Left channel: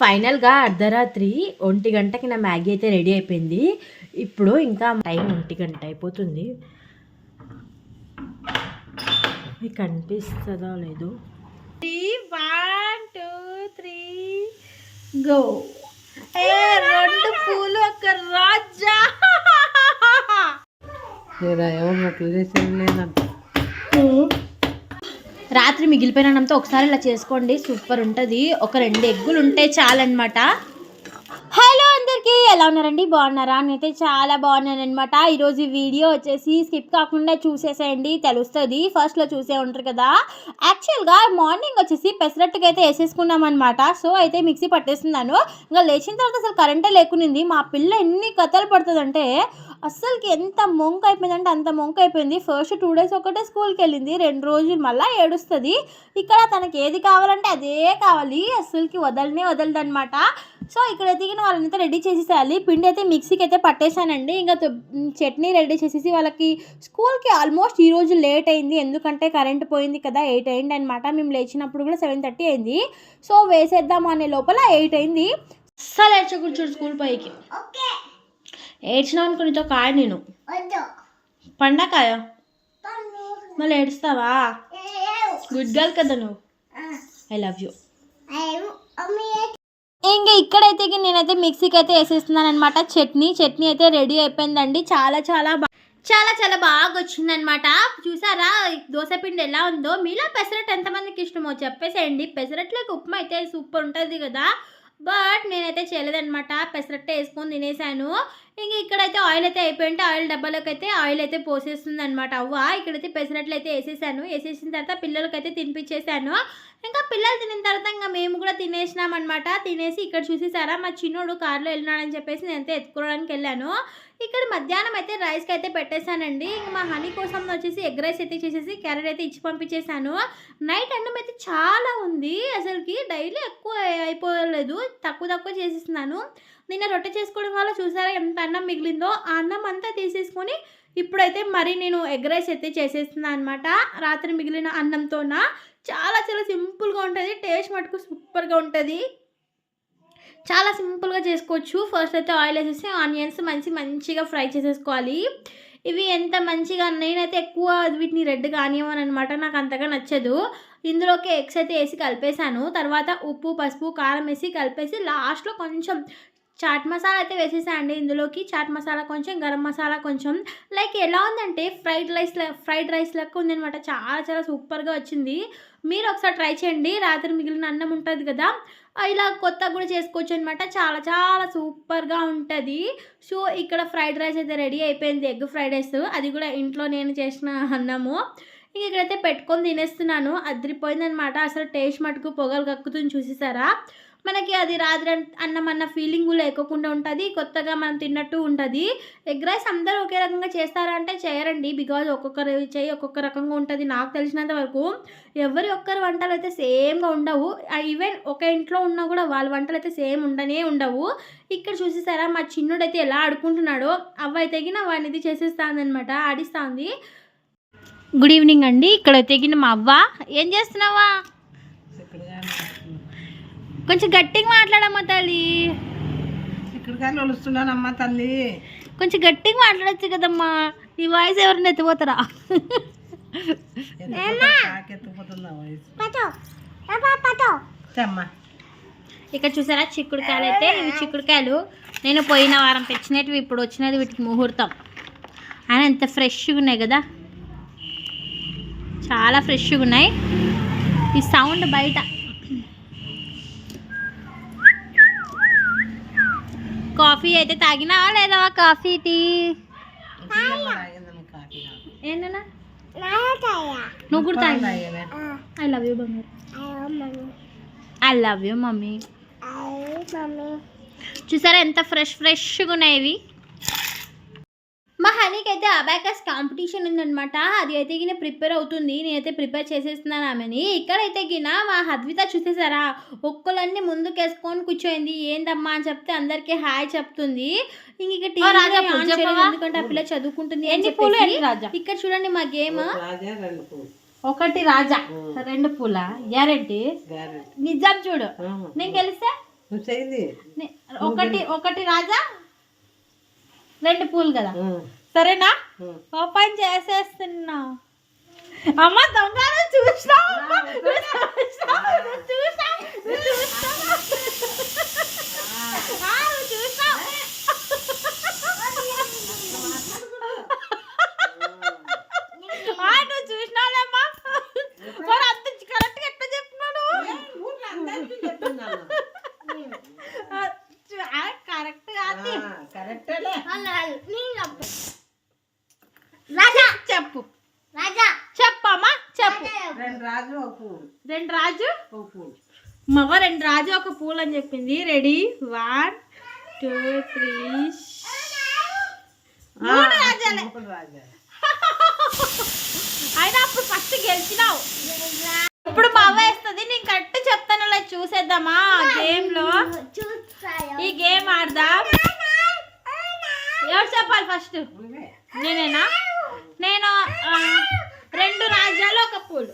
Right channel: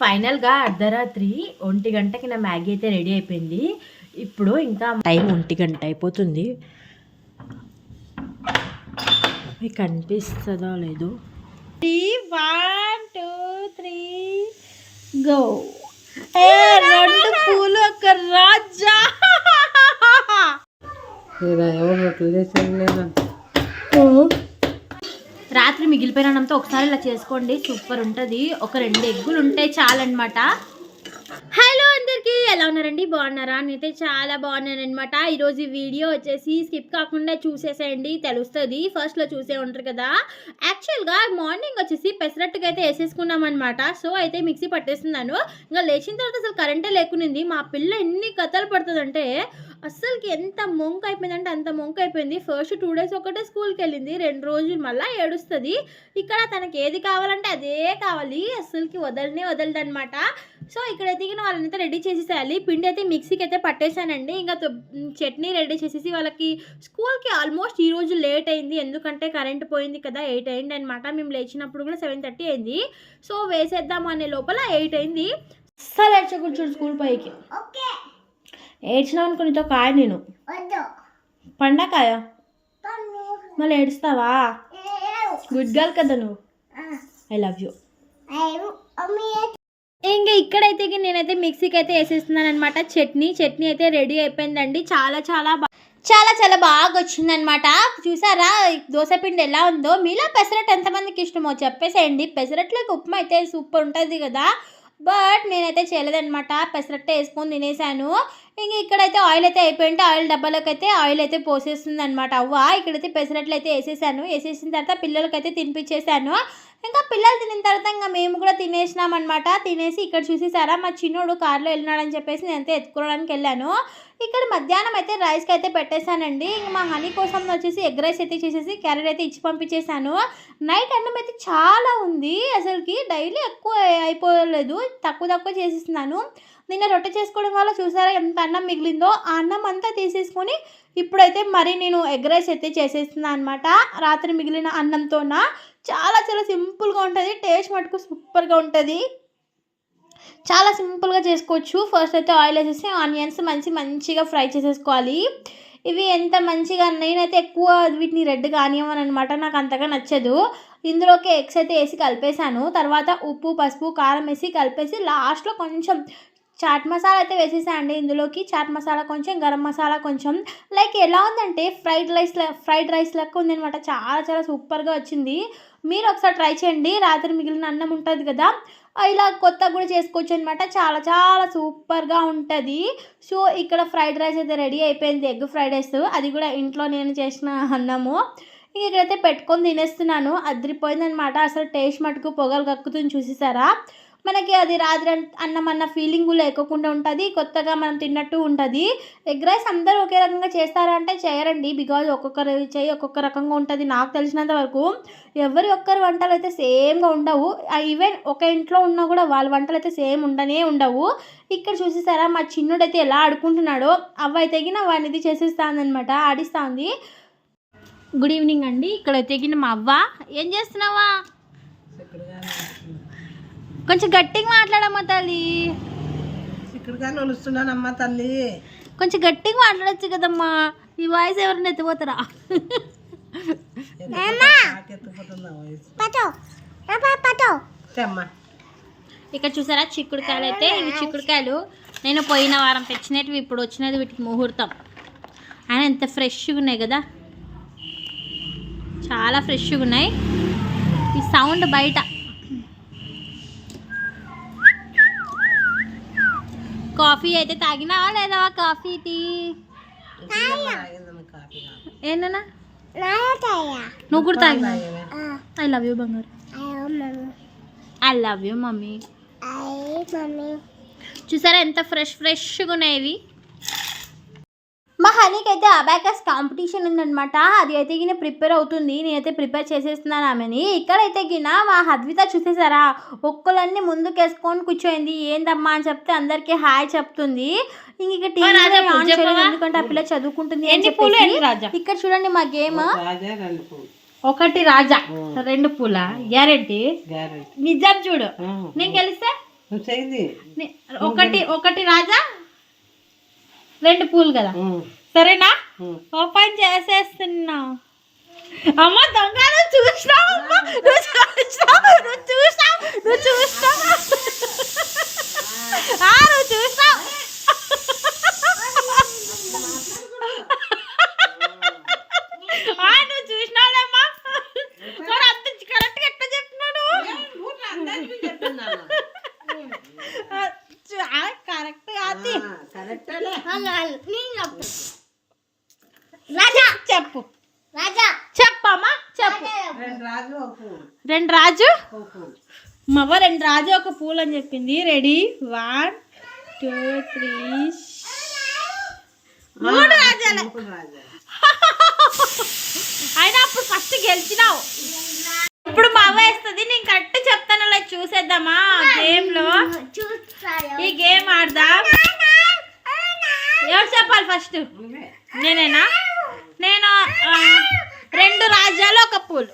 ఫైనల్గా అర్ధరాత్రి 1 గంటకి నా మ్యాగీ అయితే రెడీ అయిపోయింది. ఇప్పుడు ఇంకా టైం 1 గంట అయిపోతుంది. మీకు కనిపిస్తుందో లేదు. 1 2 3 గో. 2 పూలు ఒక రాజా. రాత్రి మిగిలిపోయిన అన్నంతో ఒకసారి ఇలా చేసుకోండి, సూపర్ ఉంటుంది. ఒక 2 ఎగ్గులు ఉంటే చాలన్నమాట. హలో అందరికీ, ఎలా ఉన్నారండి? బాగున్నారా? నేనైతే చాలా బాగున్నాను అనమాట. ఈరోజు వీడియో వచ్చేసి స్కిప్ కాకుండా చూసేసేయండి, తెలుస్తుంది. ఫస్ట్లో చూసే ఉంటారు కదా. యాక్చువల్గా మార్నింగ్ వచ్చేసి పెసరట్టుకి అయితే వేసేసుకున్నాం అనమాట. సో అయితే మిక్సీ పట్టేస్తున్నాను. ఇంకా లేచిన తర్వాత అసలు కరెంటే లేకునింది. మా పిల్ల ఎన్ని కథలు పడుతుందంటే అస్సలకి ఎంత మొంక అయిపోయిందంటే అంత మొంక అయిపోయింది. ఫస్ట్ 2 డేస్ ఒకటే స్కూల్కి వెళ్ళింది, 2 రోజులు మళ్ళీ ఏడుస్తుంది. ఇక్కడ తనకి ఏది కావాలంటే అదే కావాలి, అస్సలకి వదలదు అనమాట. సో ఇక్కడ ఎదిగిన వాళ్ళనైతే రెడీ చేసేసేయాలి. పిండి అయితే మిక్సీకి అయితే పట్టేశానండి. ఇంకా చట్నీ రెడీ చేసేసి వాళ్ళకి స్కూల్కి ఆల్మోస్ట్ ఈరోజు లేట్ అయింది, ఎందుకంటే కరెంట్ పోయింది కదా. 8 అయింది అనమాట. మేము లేచినప్పుడు కూడా 7:30 అయింది. సో వేసేద్దాం అనే లోపల 8 అయింది. అస్సలు ఏడ్చకూర్చుడు స్కూల్ పైకి. ఏడ్చినా అనుకునితో కాయ నేను పండకాయ మళ్ళీ ఏడుస్తావా? గుడ్ గర్ల్ కదా నువ్వు. I love you. ఇంకా ఇక్కడైతే నేనైతే మిక్సీకి అయితే వేసేస్తున్నాను అనమాట. చట్నీ అయితే రెడీ అయిపోయిందండి. చాలా బాగా వచ్చిందనమాట. చూసారా దోశపిండి ఎలా ఉందో? మీలో పెసరట్టు ఎంతమందికి ఇష్టమో చెప్పేసేయండి. పెసరట్లోకి ఉప్మా అయితే సూపర్ ఉంటుంది కదా. బట్ నేనైతే చేయలేదనమాట, పెసరట్టు వేసుకొని తినేసాను. ఇంక ఇక్కడైతే ఆయిల్ అయితే అయిపోయింటే ఆయిల్ డబ్బాలోకి అయితే ఆయిల్ అయితే పోసేస్తుంది అనమాట అవ్వ. ఇక్కడైతే పెసరట్లు అయితే వేసేసిన తర్వాత పిల్లలకైతే తినిపించేసాను. ఇంకా పిల్లలు తినిన తర్వాత ఇంకా మేము కూడా తినేసినాం అనమాట. తినేసి ఇక్కడ చూసేసారా మా చిన్నోడు కార్లో వెళ్ళినాడని చెప్పేసి నేనైతే ఎత్తుకోవడానికి వెళ్ళాను. ఇక్కడ మధ్యాహ్నం అయితే రైస్కి అయితే పెట్టేశానండి. ఇంక మా హనీ కోసం వచ్చేసి ఎగ్ రైస్ అయితే చేసేసి క్యారెట్ అయితే ఇచ్చి పంపించేశాను. నైట్ అన్నం అయితే చాలా ఉంది, అసలుకి డైలీ ఎక్కువ అయిపోలేదు, తక్కువ చేసేస్తున్నాను. నిన్న రొట్టె చేసుకోవడం వల్ల చూసారా ఎంత అన్నం మిగిలిందో. ఆ అన్నం అంతా తీసేసుకొని ఇప్పుడైతే మరి నేను ఎగ్ రైస్ అయితే చేసేస్తున్నాను అనమాట. రాత్రి మిగిలిన అన్నంతోన చాలా సింపుల్గా ఉంటుంది, టేస్ట్ మటుకు సూపర్గా ఉంటుంది. చాలా సింపుల్గా చేసుకోవచ్చు. ఫస్ట్ అయితే ఆయిల్ వేసేసి ఆనియన్స్ మంచిగా ఫ్రై చేసేసుకోవాలి. ఇవి ఎంత మంచిగా, నేనైతే ఎక్కువ వీటిని రెడ్గా ఆనియన్ అనమాట, నాకు అంతగా నచ్చదు. ఇందులోకి ఎగ్స్ అయితే వేసి కలిపేశాను. తర్వాత ఉప్పు పసుపు కారం వేసి కలిపేసి లాస్ట్లో కొంచెం చాట్ మసాలా అయితే వేసేసాను అండి. ఇందులోకి చాట్ మసాలా కొంచెం, గరం మసాలా కొంచెం. లైక్ ఎలా ఉందంటే ఫ్రైడ్ రైస్ లెక్క ఉందనమాట. చాలా సూపర్గా వచ్చింది. మీరు ఒకసారి ట్రై చేయండి. రాత్రి మిగిలిన అన్నం ఉంటుంది కదా, ఇలా కొత్తగా కూడా చేసుకోవచ్చు అనమాట. చాలా సూపర్గా ఉంటుంది. సో ఇక్కడ ఫ్రైడ్ రైస్ అయితే రెడీ అయిపోయింది, ఎగ్ ఫ్రైడ్ రైస్. అది కూడా ఇంట్లో నేను చేసిన అన్నము. ఇక్కడైతే పెట్టుకొని తినేస్తున్నాను. అదిరిపోయిందనమాట. అసలు టేస్ట్ మటుకు పొగలు కక్కుతుంది. చూసేసారా, మనకి అది రాత్రి అన్నం అన్న ఫీలింగ్ లేకుండా ఉంటుంది, కొత్తగా మనం తిన్నట్టు ఉంటుంది. ఎగ్ రైస్ అందరూ ఒకే రకంగా చేస్తారా అంటే చేయరండి, బికాజ్ ఒక్కొక్కరు చేయి ఒక్కొక్క రకంగా ఉంటుంది. నాకు తెలిసినంత వరకు ఎవరి ఒక్కరి వంటలు అయితే సేమ్గా ఉండవు. ఈవెన్ ఒక ఇంట్లో ఉన్నా కూడా వాళ్ళ వంటలు అయితే సేమ్ ఉండవు. ఇక్కడ చూసేసారా మా చిన్నుడైతే ఎలా ఆడుకుంటున్నాడో. అవ్వ తెగిన వాడిని ఇది చేసేస్తానమాట, ఆడిస్తుంది. గుడ్ ఈవినింగ్ అండి. ఇక్కడ తెగిన మా అవ్వ. ఏం చేస్తున్నావా? కొంచెం గట్టిగా మాట్లాడమ్మా తల్లి. ఇక్కడికమ్మా తల్లి, కొంచెం గట్టిగా మాట్లాడచ్చు కదమ్మా. ఈ వాయిస్ ఎవరిని ఎత్తిపోతారా? ఇక్కడ చూసారా చిక్కుడుకాయలు అయితే, ఇవి చిక్కుడుకాయలు నేను పోయిన వారం తెచ్చినవి, ఇప్పుడు వచ్చినది వీటికి ముహూర్తం. ఆయన ఎంత ఫ్రెష్గా ఉన్నాయి కదా, చాలా ఫ్రెష్గా ఉన్నాయి. ఈ సౌండ్ బయట. కాఫీ అయితే తాగినావా లేదా? కాఫీ టీ ఏంటన్నా నువ్వు కూడా తాగినా? ఐ లవ్ యూ బంగారు. I love you mummy. చూసారా ఎంత ఫ్రెష్గా ఉన్నాయి ఇవి. మా హనీకి అయితే అబాకస్ కాంపిటీషన్ ఉందనమాట. అది అయితే గిన ప్రిపేర్ అవుతుంది, నేనైతే ప్రిపేర్ చేసేస్తున్నాను ఆమెని. ఇక్కడైతే గిన మా హద్విత చూసేసారా, ఒక్కలన్నీ ముందుకేసుకొని కూర్చోయింది. ఏందమ్మా అని చెప్తే అందరికీ హాయ్ చెప్తుంది. ఇంక ఎందుకంటే ఆ పిల్ల చదువుకుంటుంది అని చెప్పేసి. ఇక్కడ చూడండి మా గేమ్. 1 రాజా 2 పూల గ్యారెంటీ. నిజం చూడు, నేను గెలిస్తే ఒకటి ఒకటి రాజా 2 పూలు కదా, సరేనా? ఓపెన్ చేసేస్తున్నా. అమ్మ దొంగ, నువ్వు చూసినావు, నువ్వు చూసినావు, నువ్వు చూసినావు, నువ్వు చూసినావు, నువ్వు చూసినావు. నువ్వు చూసినావులేమ్మా. మరి అంత కరెక్ట్గా ఎట్లా చెప్తున్నాను? కరెక్ట్ కాదు, చెప్పు చెప్పమ్మా, చెప్పు. 2 రాజు మవ్వ 2 రాజు ఒక పూలు అని చెప్పింది. రెడీ 1 2 3 3 రాజాలే. అయినా అప్పుడు ఫస్ట్ గెలిచినావు. ఇప్పుడు మా అవ్వ వేస్తుంది, నేను కరెక్ట్ చెప్తాను. అలా చూసేద్దామా గేమ్ లో? ఈ గేమ్ ఆడదాం. ఎవరు చెప్పాలి ఫస్ట్? నేనేనా? నేను 2 రాజ్యాలు ఒక పూలు.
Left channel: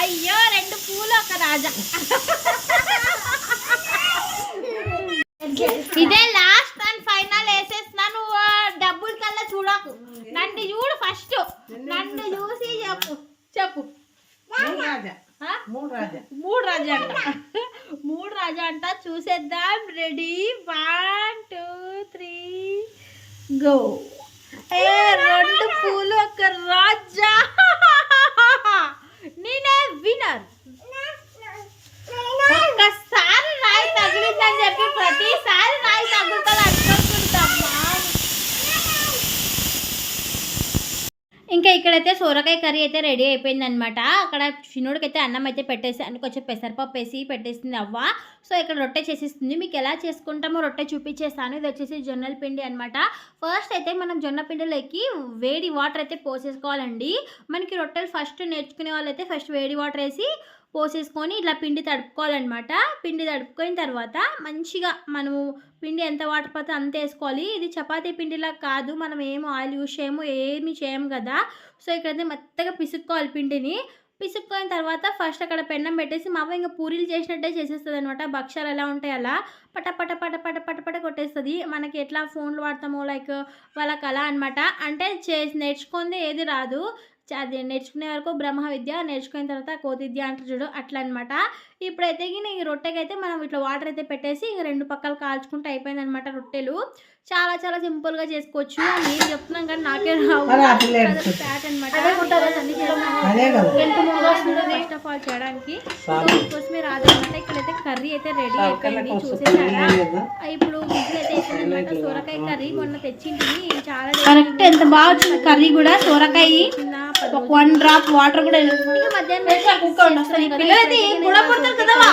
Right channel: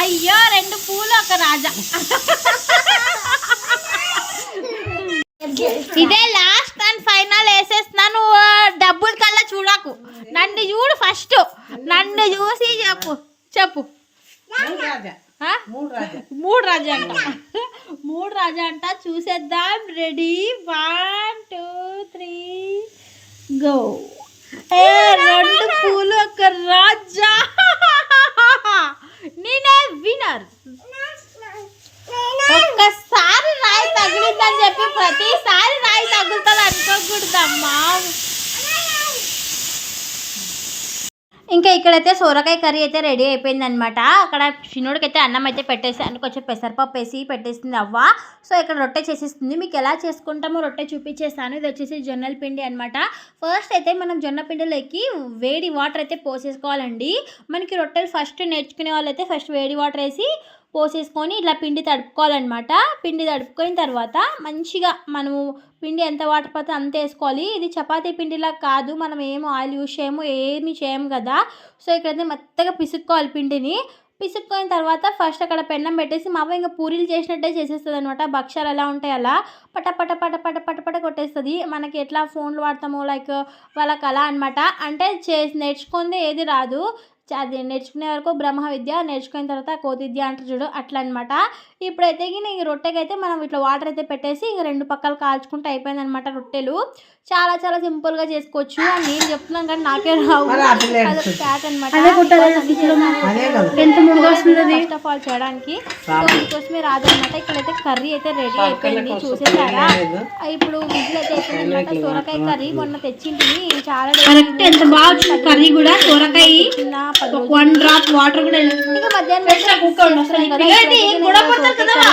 అయ్యో 2 పూలు 1 రాజా. ఇదే లాస్ట్ అండ్ ఫైనల్ వేసేస్తున్నాను. డబ్బుల కల్లా చూడకు, నన్ను చూడు ఫస్ట్. నన్ను చూసి చెప్పు చెప్పు. 3 రాజా అంట, 3 రాజా అంట. చూసేద్దాం. Ready 1 2 3 go. 2 పూలు 1 రాజా. నేనే విన్నర్. ఒక్కసారి రాయి తగిలిందని చెప్పి ప్రతిసారి రాయి తగులుతుంది అనుకోకూడదమ్మా. ఇంకా ఇక్కడైతే సొరకాయ కర్రీ అయితే రెడీ అయిపోయింది అనమాట. అక్కడ చిన్నోడికి అయితే అన్నం అయితే పెట్టేసాను, కొంచెం పెసరపప్పు వేసి పెట్టేసింది అవ్వ. సో ఇక్కడ రొట్టె చేసేస్తుంది. మీకు ఎలా చేసుకుంటామో రొట్టె చూపించేస్తాను. ఇది వచ్చేసి జొన్నల పిండి అనమాట. ఫస్ట్ అయితే మనం జొన్న పిండిలోకి వేడి వాటర్ అయితే పోసేసుకోవాలండి. మనకి రొట్టెలు ఫస్ట్ నేర్చుకునే వాళ్ళు అయితే ఫస్ట్ వేడి వాటర్ వేసి పోసేసుకొని ఇట్లా పిండి తడుపుకోవాలన్నమాట. పిండి తడుపుకున్న తర్వాత మంచిగా మనము పిండి ఎంత వాటర్ పడితే అంత వేసుకోవాలి. ఇది చపాతీ పిండిలా కాదు, మనం ఏం ఆయిల్ యూజ్ చేయము, ఏమి చేయము కదా. సో ఇక్కడైతే మెత్తగా పిసుక్కోవాలి పిండిని. పిసుక్కున్న తర్వాత ఫస్ట్ అక్కడ పెన్నం పెట్టేసి మా అవ్వ ఇంకా పూరీలు చేసినట్టే చేసేస్తుంది అనమాట. భక్షాలు ఎలా ఉంటాయి అలా పట పట పట పట పట పట కొట్టేస్తుంది. మనకి ఎట్లా ఫోన్లు వాడతామో లైక్ వాళ్ళకి అలా అనమాట. అంటే నేర్చుకుంది ఏది రాదు, అది నేర్చుకునే వరకు బ్రహ్మ విద్య, నేర్చుకున్న తర్వాత కోతి విద్య అంటారు చూడు, అట్లా అనమాట. ఇప్పుడైతే ఈ రొట్టెకైతే మనం ఇట్లా వాటర్ అయితే పెట్టేసి ఇంక 2 పక్కలు కాల్చుకుంటే అయిపోయిందనమాట రొట్టెలు. చాలా చాలా సింపుల్గా చేసుకోవచ్చు. నేను చెప్తున్నాను కానీ నాకే రావు, స్టార్ట్ అనమాట. ఫస్ట్ ఆఫ్ ఆల్ చేయడానికి కోసమే రాదనమాట. ఇక్కడైతే కర్రీ అయితే రెడీ అయిపోయింది, చూసేసారా? ఇప్పుడు విజిల్ అయితే అయిపోయిందనమాట. సొరకాయ కర్రీ మొన్న తెచ్చింది, చాలా ఎంత బాగా కర్రీ కూడా. సొరకాయ 1 డ్రాప్ వాటర్ కూడా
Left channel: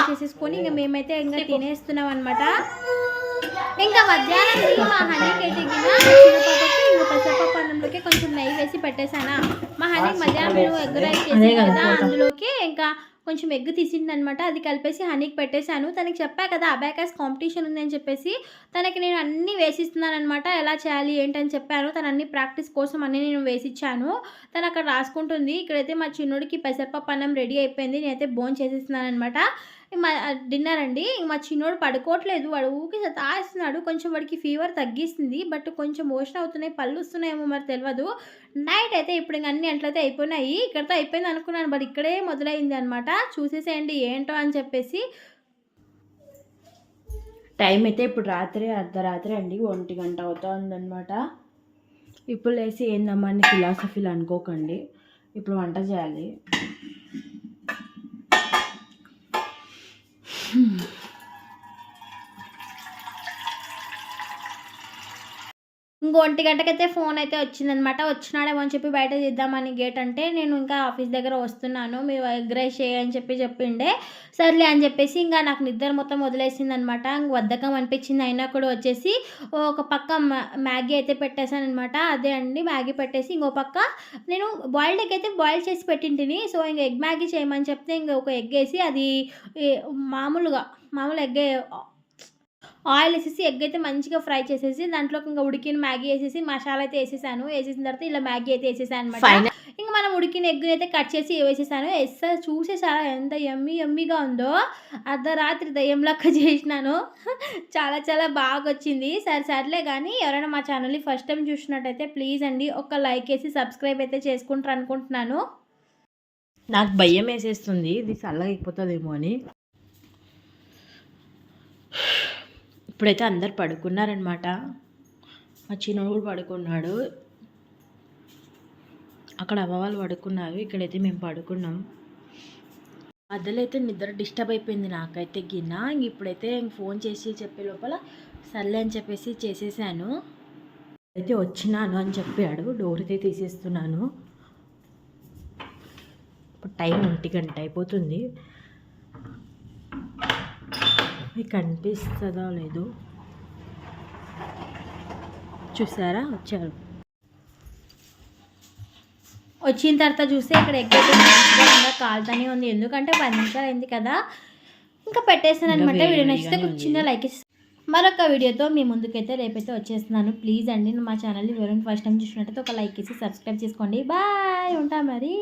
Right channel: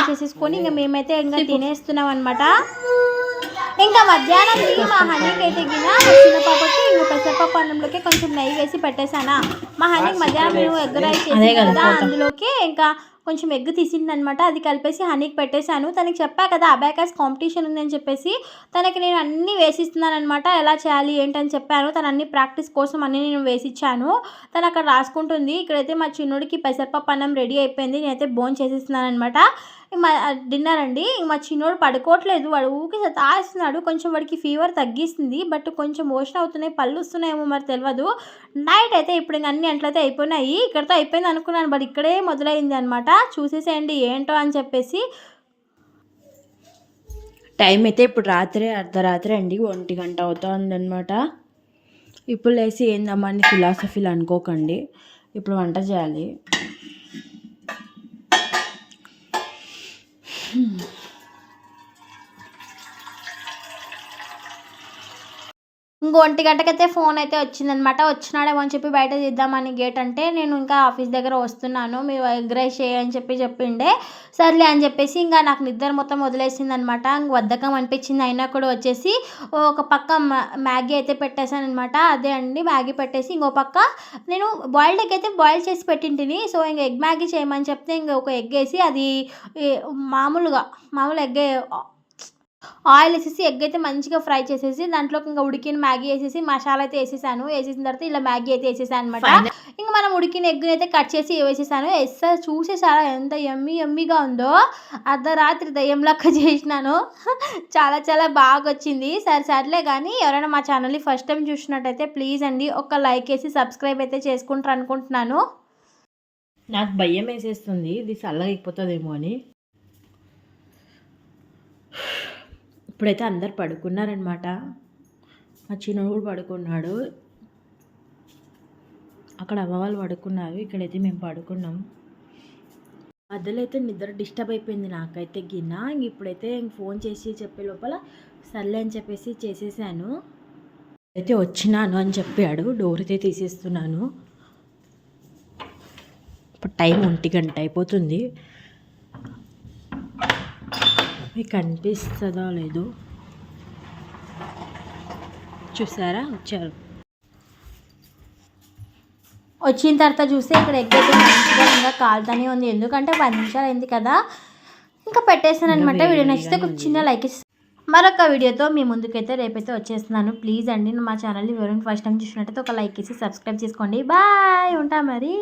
చేసేసుకొని ఇంకా మేమైతే ఇంకా తినేస్తున్నాం అనమాట. ఇంకా మధ్యాహ్నం మా హనీకి అయితే గిన చిన్న పాపకి ఇంకా పెసరపప్పు అన్నంలోకి కొంచెం నెయ్యి వేసి పెట్టేశానా. మా హనీకి మధ్యాహ్నం మేము ఎగ్ రైస్ చేసి కదా, అందులోకి ఇంకా కొంచెం ఎగ్ తీసింది అనమాట. అది కలిపేసి హనీకి పెట్టేశాను. తనకి చెప్పా కదా అబాకస్ కాంపిటీషన్ ఉందని చెప్పేసి, తనకి నేను అన్నీ వేసిస్తున్నాను అనమాట. ఎలా చేయాలి ఏంటని చెప్పాను. తను అన్ని ప్రాక్టీస్ కోసం అన్నీ నేను వేసిచ్చాను. తను అక్కడ రాసుకుంటుంది. ఇక్కడైతే మా చిన్నోడికి పెసరపప్పు అన్నం రెడీ అయిపోయింది. నేనైతే భోజనం చేసేస్తున్నాను అనమాట. డిన్నర్ అండి. మా చిన్నోడు పడుకోవట్లేదు, వాడు ఊరికి తాగిస్తున్నాడు. కొంచెం వాడికి ఫీవర్ తగ్గిస్తుంది, బట్ కొంచెం మోషన్ అవుతున్నాయి, పళ్ళు వస్తున్నాయేమో మరి తెలియదు. నైట్ అయితే ఇప్పుడు ఇంక అన్ని అంట్లయితే అయిపోయినాయి. ఇక్కడితో అయిపోయింది అనుకున్నాను, బట్ ఇక్కడే మొదలైంది అనమాట. చూసేసేయండి ఏంటో అని చెప్పేసి. టైం అయితే ఇప్పుడు అర్ధరాత్రి అండి, 1 గంట అవుతుందన్నమాట. ఇప్పుడు లేసి ఏందమ్మా అని ఫిలాసఫీలు అనుకోకండి. ఇప్పుడు వంట చేయాలి. ఇంకో 1 గంటకైతే ఫోన్ అయితే వచ్చిందనమాట. వచ్చినాడేమో అని చెప్పి బయట తీద్దామని గేట్ అంటే, నేను ఇంకా ఆఫీస్ దగ్గర వస్తున్నాను, మీరు ఎగ్ రైస్ చేయని చెప్పిండే. సర్లే అని చెప్పేసి ఇంకా నాకు నిద్ర మొత్తం వదిలేసింది అనమాట. ఇంక బద్ధకం అనిపించింది. అయినా కూడా వచ్చేసి ఒక పక్క మ్యాగీ అయితే పెట్టేశాను అనమాట. అదే అండి మ్యాగీ పెట్టేసి ఇంకో పక్క నేను బాయిల్డ్ ఎగ్ అయితే బాయిల్ చేసి పెట్టింటిని. సో ఇంక ఎగ్ మ్యాగీ చేయమని చెప్తే ఇంక ఒక ఎగ్ వేసి, అది మామూలు ఎగ్ ఆయిల్ వేసేసి ఎగ్ అయితే మంచిగా ఫ్రై చేసేసి దాంట్లోకి ఇంకా ఉడికిన మ్యాగీ వేసేసి మసాలా అయితే వేసేసాను. వేసేసిన తర్వాత ఇలా మ్యాగీ అయితే వేసేసాను అనమాట. ఇంకా మనం ఉడికిన ఎగ్ని అయితే కట్ చేసి వేసేసాను. చూసేసారా ఎంత యమ్మీగా ఉందో. అర్ధరాత్రి దయ్యం లెక్క చేసినాను. చాలా చాలా బాగా వచ్చింది. సర్లే కానీ ఎవరైనా మా ఛానల్ని ఫస్ట్ టైం చూసినట్టయితే ప్లీజ్ అండి ఒక లైక్ వేసి సబ్స్క్రైబ్ అయితే చేసుకుంటారు అనుకుంటున్నాను. నాకు భయం వేసేస్తుంది ఇది చల్లగా అయిపోతుందేమో అని. ఇప్పుడైతే అందరు పడుకున్నారనమాట. మా చిన్నోడు కూడా పడుకున్నాడు. అక్కడ అవ్వ వాళ్ళు పడుకున్నారు, ఇక్కడైతే మేము పడుకున్నాం. మధ్యలో అయితే నిద్ర డిస్టర్బ్ అయిపోయింది నాకైతే గిన్న. ఇప్పుడైతే ఫోన్ చేసి చెప్పే లోపల సర్లే అని చెప్పేసి చేసేసాను. అయితే వచ్చినాను అని చెప్పాడు. డోర్ అయితే తీసేస్తున్నాను. ఇప్పుడు టైం 1 గంట అయిపోతుంది. మీకు కనిపిస్తుందో లేదో చూసారా, వచ్చారు. వచ్చిన తర్వాత చూస్తే ఇక్కడ ఎగ్ అయితే మంచిగా ఇంకా కాలుతూనే ఉంది. ఎందుకంటే 10 నిమిషాలు అయింది కదా, ఇంకా పెట్టేసాను అనమాట. వీడియో నచ్చితే ఒక చిన్న లైక్ ఇస్తాను. మరొక వీడియోతో మీ ముందుకైతే రేపైతే వచ్చేస్తున్నాను. ప్లీజ్ అండి మా ఛానల్ని ఎవరైనా ఫస్ట్ టైం చూసినట్టయితే ఒక లైక్ ఇచ్చి సబ్స్క్రైబ్ చేసుకోండి. బాయ్, ఉంటా మరి.